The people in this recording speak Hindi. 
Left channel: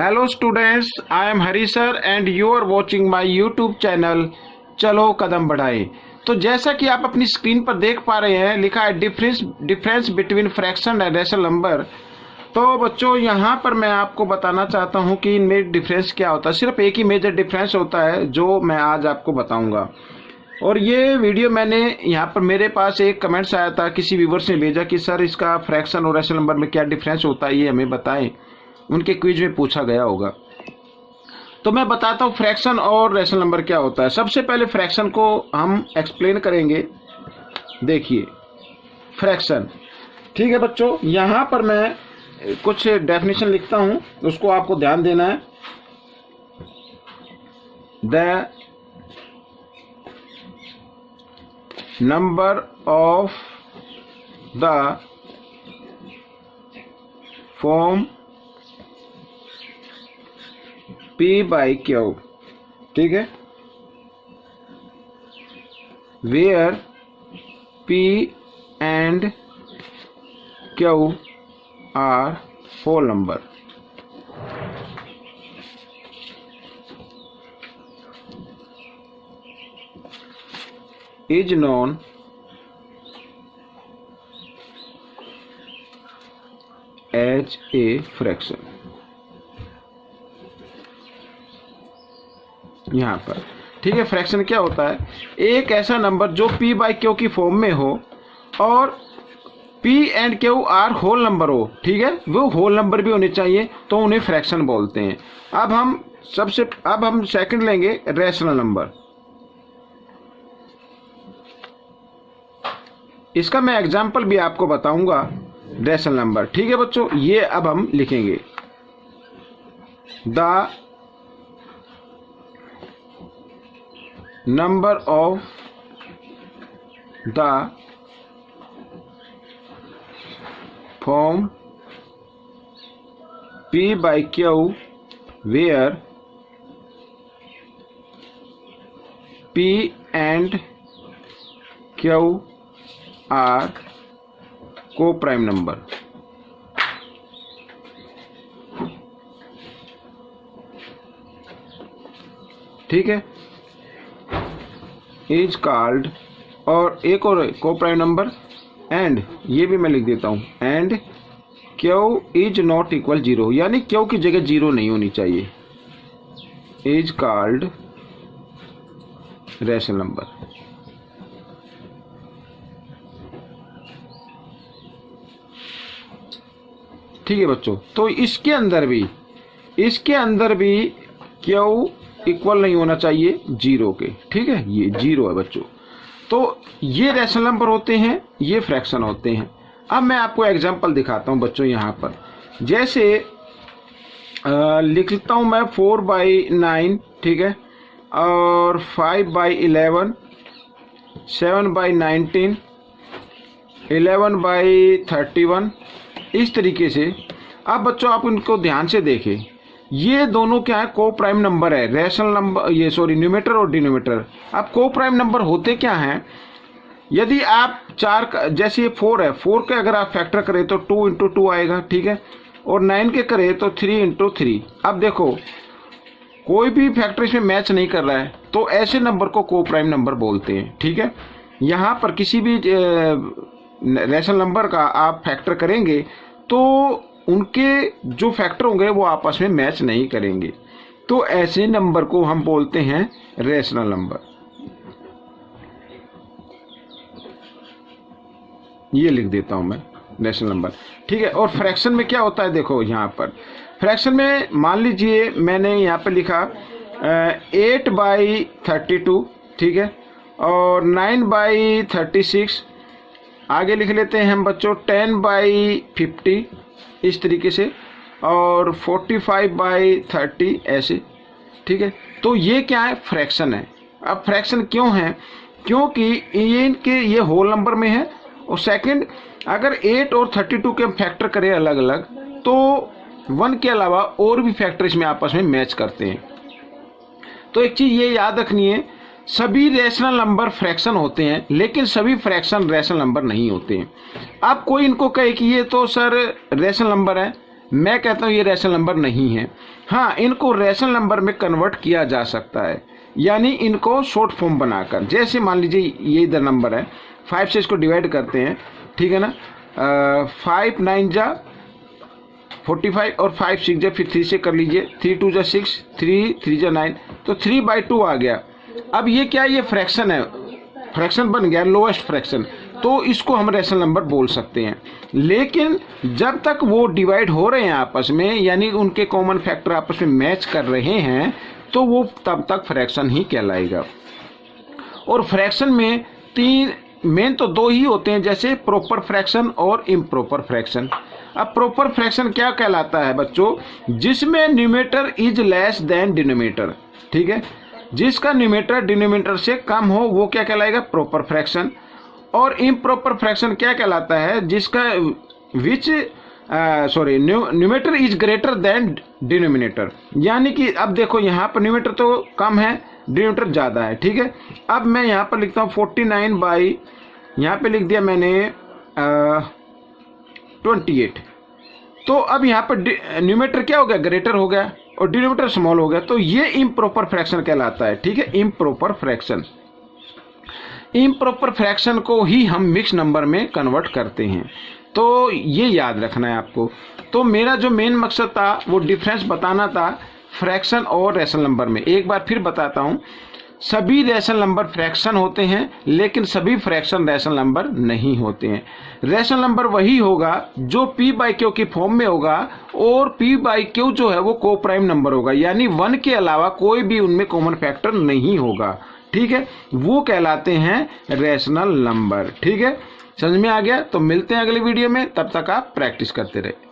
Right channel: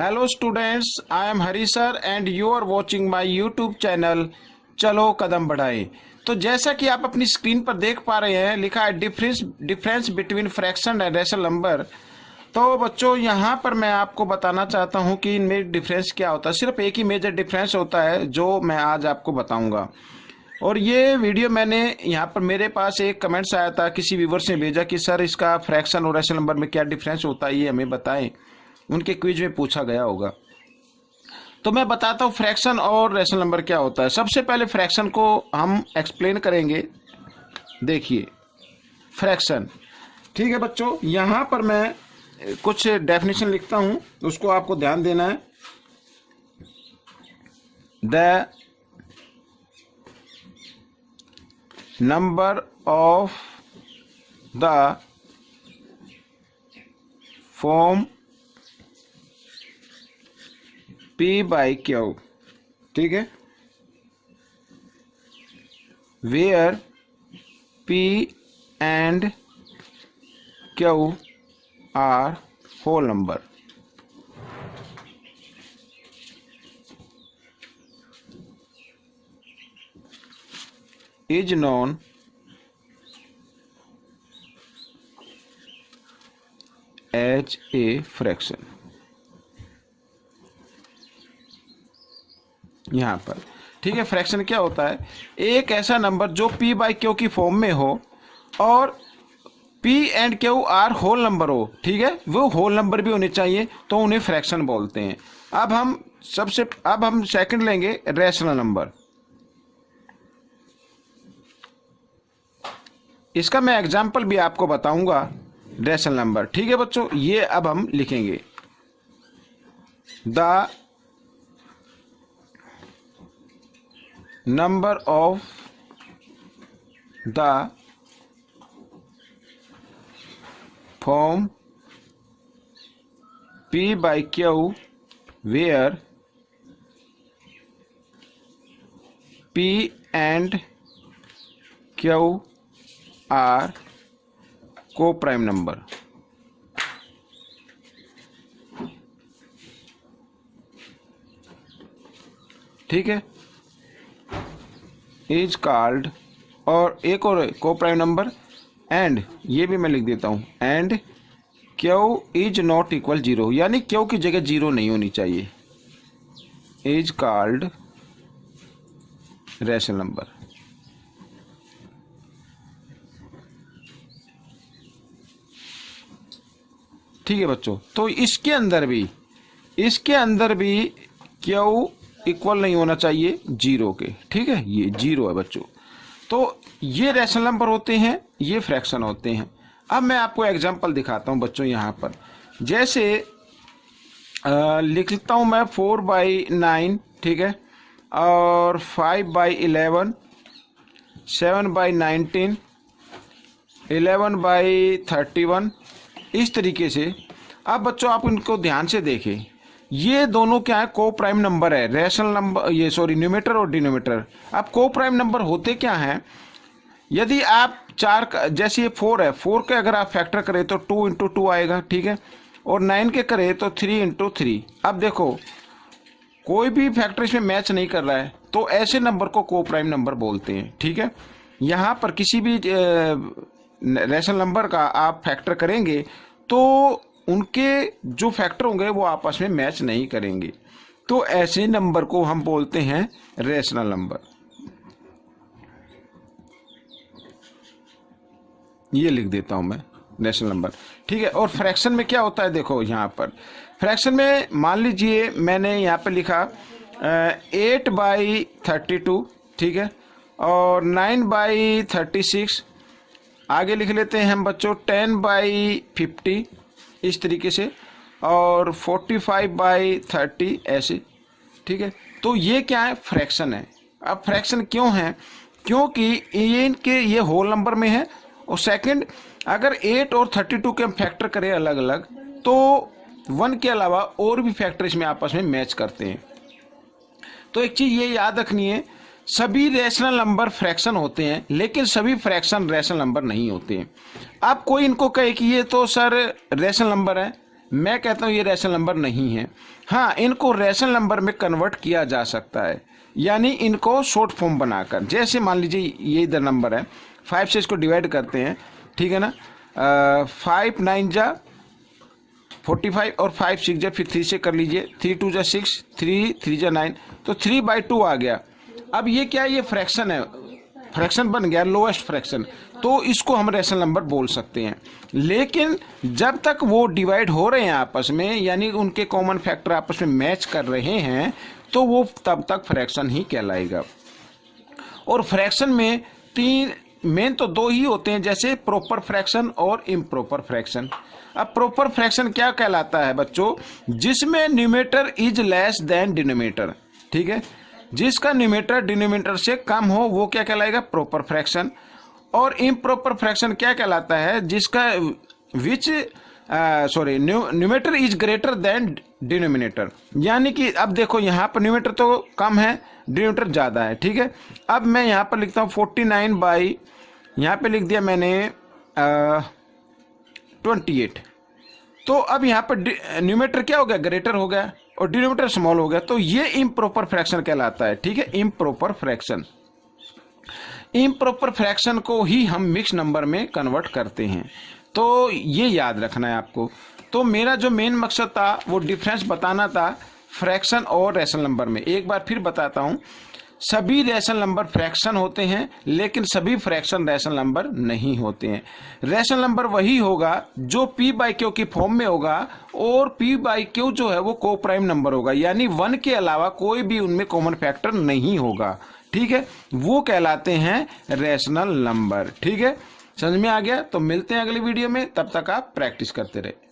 Hello students, I am Hari sir and you are watching my YouTube channel चलो कदम बढ़ाएं। तो जैसा कि आप अपनी स्क्रीन पर देख पा रहे हैं, लिखा है difference between fraction and rational number. तो बच्चों यहाँ पर मैं आपको बताना चाहता हूँ कि इनमें डिफरेंस क्या होता है। सिर्फ एक ही मेजर डिफरेंस होता है जो मैं आज आपको बताऊँगा। और ये वीडियो मैंने यहाँ पर मेरे पास एक कमेंट्स आया था, किसी व्यूवर्स ने भेजा कि सर इसका फ्रैक्शन और रैशनल नंबर में क्या डिफरेंस होता है, ये हमें बताएं। उनके क्विज में पूछा गया होगा। तो मैं बताता हूँ फ्रैक्शन और रैशनल नंबर क्या होता है। सबसे पहले फ्रैक्शन को हम एक्सप्लेन करेंगे। देखिए फ्रैक्शन, ठीक है बच्चों, यहाँ पर मैं कुछ डेफिनेशन लिखता हूँ, उसको आपको ध्यान देना है। The number of the form P by Q, ठीक है, where P and Q are whole number, is known as a fraction। यहाँ पर ठीक है, फ्रैक्शन क्या होता है? एक ऐसा नंबर जो P बाई Q की फॉर्म में हो और P and Q are whole number हो, ठीक है, वो होल नंबर भी होने चाहिए, तो उन्हें फ्रैक्शन बोलते हैं। अब हम सेकंड लेंगे रैशनल नंबर। इसका मैं एग्जांपल भी आपको बताऊंगा रैशनल नंबर, ठीक है बच्चों। ये अब हम लिखेंगे the number of the form P by Q where P and Q are co-prime number। ठीक है, इज कॉल्ड, और एक और को प्राइम नंबर, एंड ये भी मैं लिख देता हूँ, and Q is not equal zero, यानी क्यू की जगह जीरो नहीं होनी चाहिए, इज कॉल्ड रैशनल नंबर। ठीक है बच्चों, तो इसके अंदर भी क्यू इक्वल नहीं होना चाहिए जीरो के, ठीक है, ये जीरो है बच्चों। तो ये रैशनल नंबर होते हैं, ये फ्रैक्शन होते हैं। अब मैं आपको एग्जांपल दिखाता हूं बच्चों। यहाँ पर जैसे लिख लेता हूं मैं 4/9, ठीक है, और 5/11, 7/19, 11/31, इस तरीके से। अब बच्चों आप इनको ध्यान से देखें, ये दोनों क्या है? को प्राइम नंबर है, रैशनल नंबर, ये सॉरी न्यूमरेटर और डिनोमिनेटर। अब को प्राइम नंबर होते क्या हैं? यदि आप जैसे ये 4 है, 4 के अगर आप फैक्टर करें तो 2 × 2 आएगा, ठीक है, और 9 के करें तो 3 × 3। अब देखो कोई भी फैक्टर इसमें मैच नहीं कर रहा है, तो ऐसे नंबर को को प्राइम नंबर बोलते हैं, ठीक है। यहाँ पर किसी भी रैशनल नंबर का आप फैक्टर करेंगे तो उनके जो फैक्टर होंगे वो आपस में मैच नहीं करेंगे, तो ऐसे नंबर को हम बोलते हैं रैशनल नंबर। ये लिख देता हूं मैं रैशनल नंबर, ठीक है। और फ्रैक्शन में क्या होता है? देखो यहाँ पर फ्रैक्शन में मान लीजिए मैंने यहाँ पे लिखा 8/32, ठीक है, और 9/36, आगे लिख लेते हैं हम बच्चों 10/50, इस तरीके से, और 45/30 ऐसे, ठीक है। तो ये क्या है? फ्रैक्शन है। अब फ्रैक्शन क्यों है? क्योंकि ये इनके ये होल नंबर में है, और सेकंड अगर 8 और 32 के हम फैक्टर करें अलग अलग, तो 1 के अलावा और भी फैक्टर इसमें आपस में मैच करते हैं। तो एक चीज़ ये याद रखनी है, सभी रैशनल नंबर फ्रैक्शन होते हैं, लेकिन सभी फ्रैक्शन रैशनल नंबर नहीं होते हैं। अब कोई इनको कहे कि ये तो सर रैशनल नंबर है, मैं कहता हूँ ये रैशनल नंबर नहीं है। हाँ, इनको रैशनल नंबर में कन्वर्ट किया जा सकता है, यानी इनको शॉर्ट फॉर्म बनाकर, जैसे मान लीजिए ये इधर नंबर है, 5 से इसको डिवाइड करते हैं, ठीक है ना, 5 9 जा 45 और 5 6 जा, फिर 3 से कर लीजिए, 3 2 जा 6, 3 3 जा 9, तो 3/2 आ गया। अब ये क्या है, ये फ्रैक्शन है, फ्रैक्शन बन गया, लोएस्ट फ्रैक्शन, तो इसको हम रैशनल नंबर बोल सकते हैं। लेकिन जब तक वो डिवाइड हो रहे हैं आपस में, यानी उनके कॉमन फैक्टर आपस में मैच कर रहे हैं, तो वो तब तक फ्रैक्शन ही कहलाएगा। और फ्रैक्शन में तीन मेन तो दो ही होते हैं, जैसे प्रॉपर फ्रैक्शन और इम्प्रॉपर फ्रैक्शन। अब प्रॉपर फ्रैक्शन क्या कहलाता है बच्चों, जिसमें numerator is less than denominator, ठीक है, जिसका न्यूमरेटर डिनोमिनेटर से कम हो वो क्या कहलाएगा, प्रॉपर फ्रैक्शन। और इम्प्रॉपर फ्रैक्शन क्या कहलाता है, जिसका numerator is greater than denominator, यानी कि अब देखो यहाँ पर न्यूमरेटर तो कम है, डिनोमिनेटर ज़्यादा है, ठीक है। अब मैं यहाँ पर लिखता हूँ 49 बाई, यहाँ पे लिख दिया मैंने 28, तो अब यहाँ पर न्यूमरेटर क्या हो गया, ग्रेटर हो गया, और डिनोमिनेटर स्मॉल हो गया, तो ये इम्प्रॉपर फ्रैक्शन कहलाता है, ठीक है, इम्प्रॉपर फ्रैक्शन। इम्प्रॉपर फ्रैक्शन को ही हम मिक्स नंबर में कन्वर्ट करते हैं, तो ये याद रखना है आपको। तो मेरा जो मेन मकसद था वो डिफरेंस बताना था फ्रैक्शन और रैशनल नंबर में। एक बार फिर बताता हूँ, सभी रैशनल नंबर फ्रैक्शन होते हैं, लेकिन सभी फ्रैक्शन रैशनल नंबर नहीं होते हैं। रैशनल नंबर वही होगा जो p/q की फॉर्म में होगा, और p/q जो है वो को प्राइम नंबर होगा, यानी 1 के अलावा कोई भी उनमें कॉमन फैक्टर नहीं होगा, ठीक है, वो कहलाते हैं रैशनल नंबर। ठीक है, समझ में आ गया? तो मिलते हैं अगले वीडियो में, तब तक आप प्रैक्टिस करते रहे।